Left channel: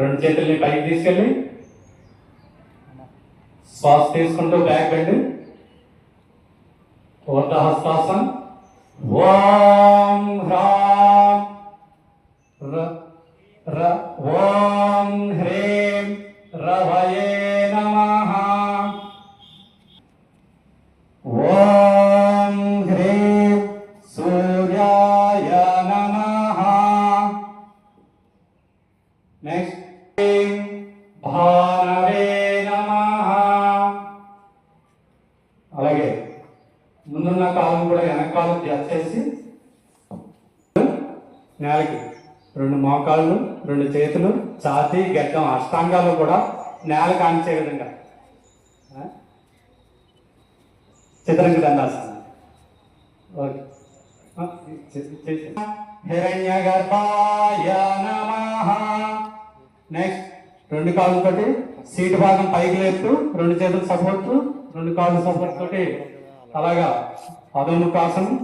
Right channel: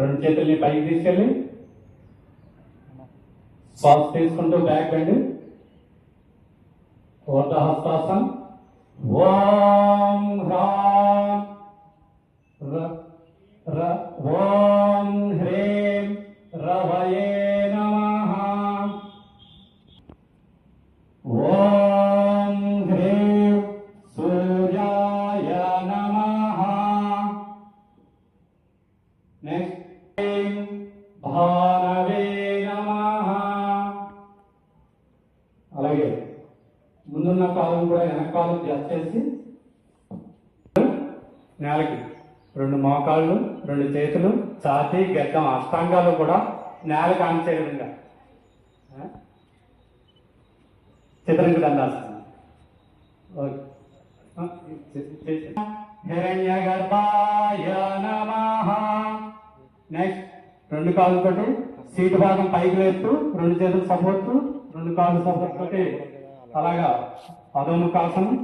రెండు చేతుల్ని పైకి తీసుకెళ్ళి శ్వాస తీసుకుంటూ బ్యాక్ బెండ్. ఊర్ధహస్తాసనం. ఓం హ్రాం ఓం హ్రీం రవయే నమః. ఓం హ్రీం సూర్యాయ నమః. నెక్స్ట్ భారవే నమః. అలాగే ముందున్న కాలం కూడా వెనక కాలం చేసి నేలకి రెండు మోకాళ్ళు, రెండు చేతులు, ఛాతీ, గడ్డం, అష్టాంగాలు కూడా నేలకు ఆనిచే విధంగా చిత్రంగా దండాసనం. హిరణ్యగర్భాయ నమః. నెక్స్ట్ రెండు కాళ్ళతోటి సీటు భాగం పైకి లేపుతూ రెండు చేతులు సపోర్ట్, రెండు కాళ్ళు సపోర్ట్ తోటి అలాగా అధోముఖాసనం.